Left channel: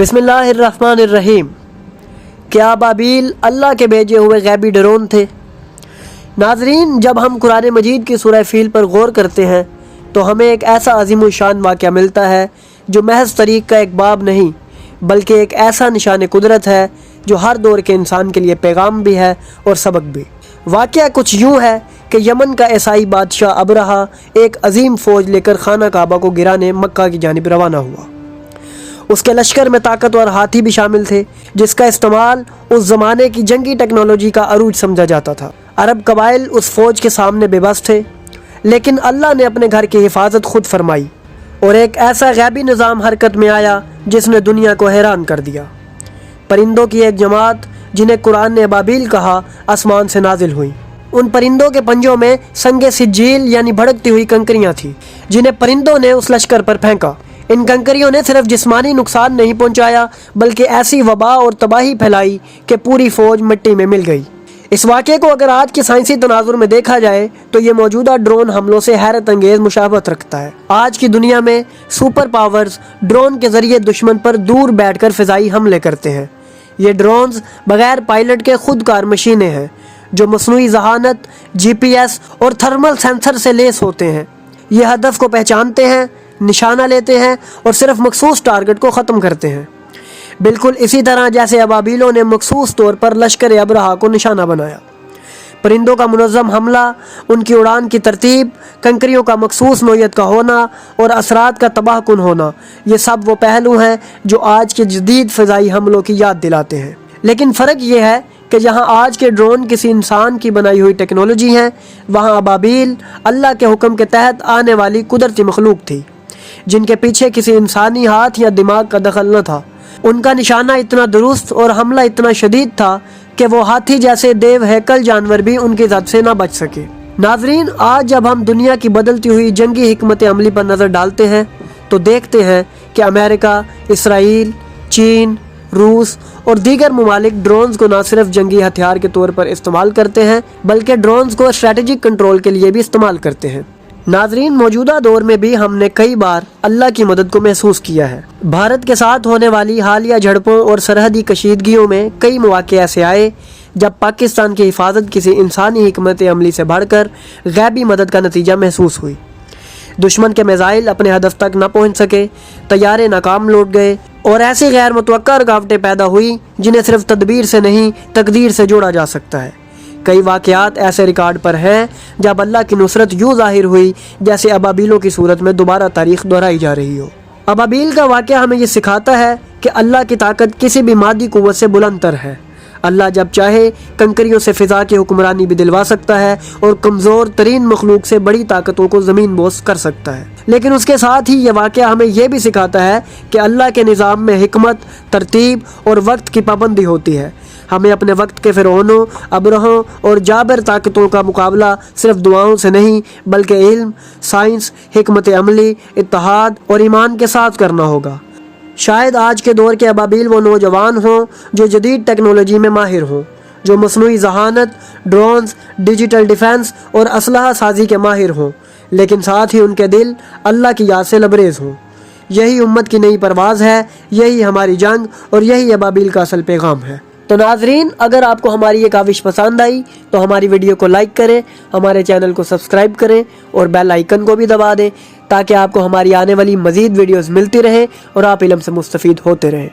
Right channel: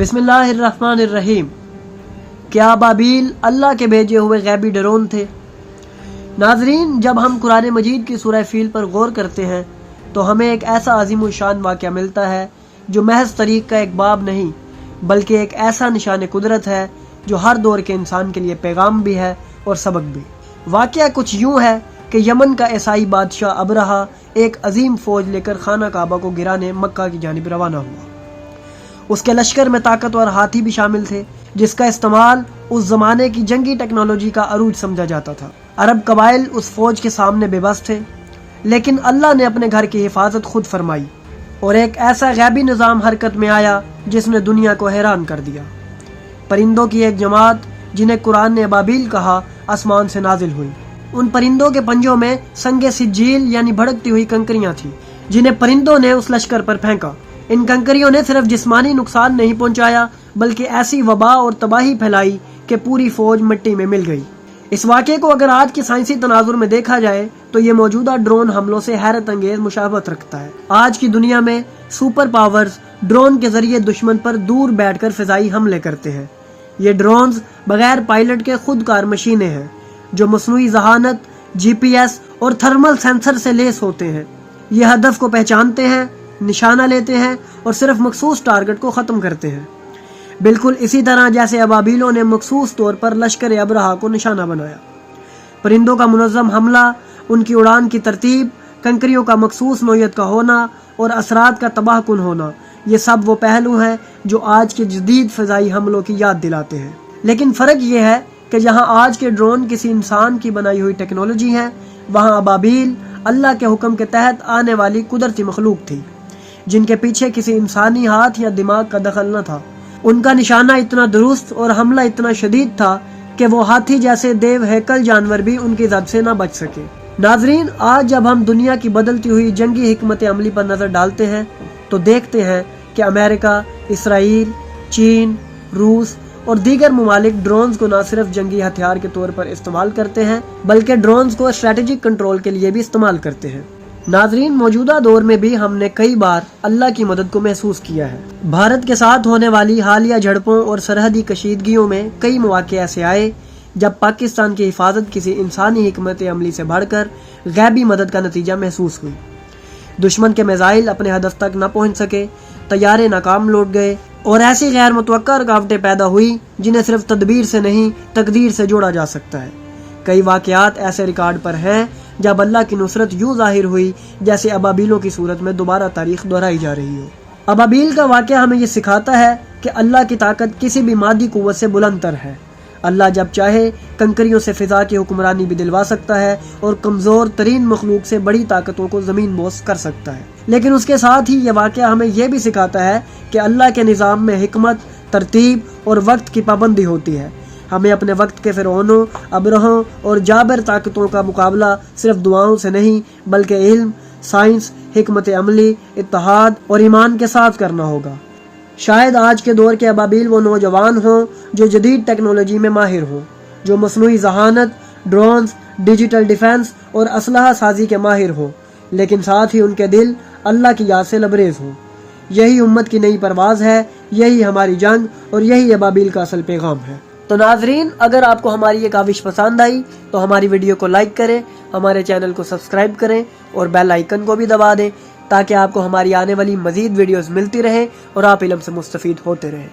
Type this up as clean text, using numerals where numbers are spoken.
बिस्मिल्लाहिर्रहमानिर्रहीम। क्या अबाबील अल्लाह के भेजे हुए गैबी ड्रोन थे? नाजरीन, जब हम कुरान मजीद की सूरह फील पर गौर करते हैं तो हमें एक ऐसा अजीम शान वाक़या मिलता है जो महज तरीक़ का एक बाब नहीं बल्कि एक ऐसा निशान कुदरत है जो हर दौर के इंसान के लिए पैगाम भी है और सबक भी। वाक़या कुछ यूँ है कि यमन का ईसाई बादशाह अबरहा एक अजीम फ़ौज लेकर खाना काबा को गिराने मक्का की जानिब रवाना हुआ। उसके लश्कर में ताकतवर हाथी भी शामिल थे जिसका इस्तेमाल उस ज़माने की जंगी टेक्नोलॉजी का अरूज समझा जाता था। अरब कबाइल उस फ़ौज के सामने बेबस थे, लेकिन अल्लाह ने अपने घर की हिफाजत खुद फरमाई और एक ऐसा गैबी निज़ाम हरकत में आया जिसने दुनिया को हैरान कर दिया। परिंदों की एक जमात जिन्हें कुरान ने अबाबील कहा, आसमान से नाजिल हुई। उन परिंदों के पंजों में संगे सिज्जील यानी भड़कती हुई कंकरियां थी जिन्हें परिंदों ने उस लश्कर पर फेंका। इन कंकरियों ने सिर्फ जिस्मानी नुकसान नहीं पहुंचाया बल्कि ऐसी वबा और तबाही फैलाई कि पूरी फौज मिट्टी में मिल गई। इस वाक़े को अगर आज के साइंसी तनाजुर में देखा जाए तो ये मौजूदा ड्रोन हमलों से हैरत अंगेज मुशाबहत रखता है। आज की दुनिया में सुपर पावर्स ड्रोन के जरिए दुश्मन पर दूर बैठकर फिजाई हमले करते हैं। ये ड्रोन्स बगैर पायलट के खुदकार मशीनें हैं जो मसनूई जहानत, GPS और थर्मल सेंसर से लेस होते हैं। ये हदफ को पहचानते हैं, निशाना लेते हैं और सिर्फ मखसूस टारगेट को ख़त्म करते हैं। बिल्कुल इसी तरह जैसे अबाबीलों ने मखसूस तौर पर लश्कर अबरहा को निशाना बनाया। परिंदों का मुनज़्ज़म हमला, उनकी उड़ान की तरतीब, कंकरियों का मखसूस नोयत का होना और असरात का तबाहकुन होना, ये सब वो पहलू हैं जो आज के जदीद फ़िज़ाई हमलों की याद दिलाते हैं। लेकिन फ़र्क ये है कि जहाँ आज के ड्रोन किसी इंसान की बनाई हुई टेक्नोलॉजी हैं, वहाँ अबाबील अल्लाह के हुक्म के तहत आने वाली कुदरती मखलूक थी जिनके पीछे किसी इंसानी हाथ या दिमाग का दखल न था। उनका निशाना इतना दुरुस्त और हमला इतना शदीद था कि वो हाथी जैसे देव हैकल जानवर भी उनकी ज़द से ना बच सके। नाजरीन, आज जब हम दुनिया की बदलती हुई जंगी हिकमत अमली पर नज़र डालते हैं तो देखते हैं कि अमेरिका, इसराइल, चीन, रूस और दीगर ममालिक ड्रोन्स को न सिर्फ जंगी हथियार के तौर पर इस्तेमाल करते हैं बल्कि ड्रोन्स को स्ट्रेटेजिक कंट्रोल के लिए भी इस्तेमाल करते हैं। नाजरीन, मौजूदा दौर में भी हमने कई बार अल्लाह की मदद को महसूस किया है। भारत के साथ होने वाली हालिया झड़पों और सरहदी कशीदगियों में कई मौके ऐसे आए जब पाकिस्तान की हिफाजत किसी इंसानी हिकमत अमली से बढ़कर गैबी मदद का नतीजा महसूस हुई। दुश्मन के मिसाइल अपने हदफ तक न पहुंच सके, तैयारे नाकाम लौट गए और ऐसी गैर मुतवक्का रुकावटें पैदा हुई जिन्हें सिर्फ तदबीर से नहीं तकदीर से जोड़ा जा सकता है। कई वाक़यात ऐसे रिकॉर्ड पर हैं जब अल्लाह की नुसरत यूँ ज़ाहिर हुई जैसे अबाबीलों की सूरत में दोबारा तारीख दोहराई जा रही हो। अबाबील का वाक़या हमें ये सिखाता है कि अल्लाह की ताकत किसी भी मादी कुव्वत से बुलंदतर है। अल्लाह जब चाहे कंकरियों से फ़िज़ा की हुक्मरानी भी दिलवा सकता है और कमज़ोर तरीन मखलूक से बड़ी ताकतों को ज़मीन बोस कर सकता है। लेकिन उसके साथ ही ये वाक़या हमें यह भी सिखाता है कि अल्लाह के निज़ाम में हिकमत, तरतीब और वक्त की पाबंदी होती है। हमें अपने वक्त के फ़िरौनों, अबरहों और जाबिर ताकतों का मुकाबला सिर्फ दुआओं से नहीं बल्कि इल्म, साइंस, हिकमत अमली, इत्तेहाद और ईमान के साथ करना होगा। शायद आज के दौर के अबाबील वो नौजवान हों जो जदीद टेक्नोलॉजी में माहिर हों, जो मसनूई जहानत, ड्रोन्स, डिजिटल डिफेंस और असलहा साजी के माहिर हों, लेकिन साथ ही उनके दिल अल्लाह की याद से लबरेज हों। यही उम्मत की नई परवाज़ है, यही हमारी जंग और यही अबाबील का असल पैगाम है। तो नाजरीन, अगर आपको हमारी ये काविश पसंद आई तो हमारी वीडियो को लाइक करें, हमारे चैनल को सब्सक्राइब करें और बेल आइकन को भी दबा दें ताकि आपको हमारी आने वाली मज़ीद वीडियोस मिलती रहें और आप इल्म से मुस्तफ़ीद होते रहें।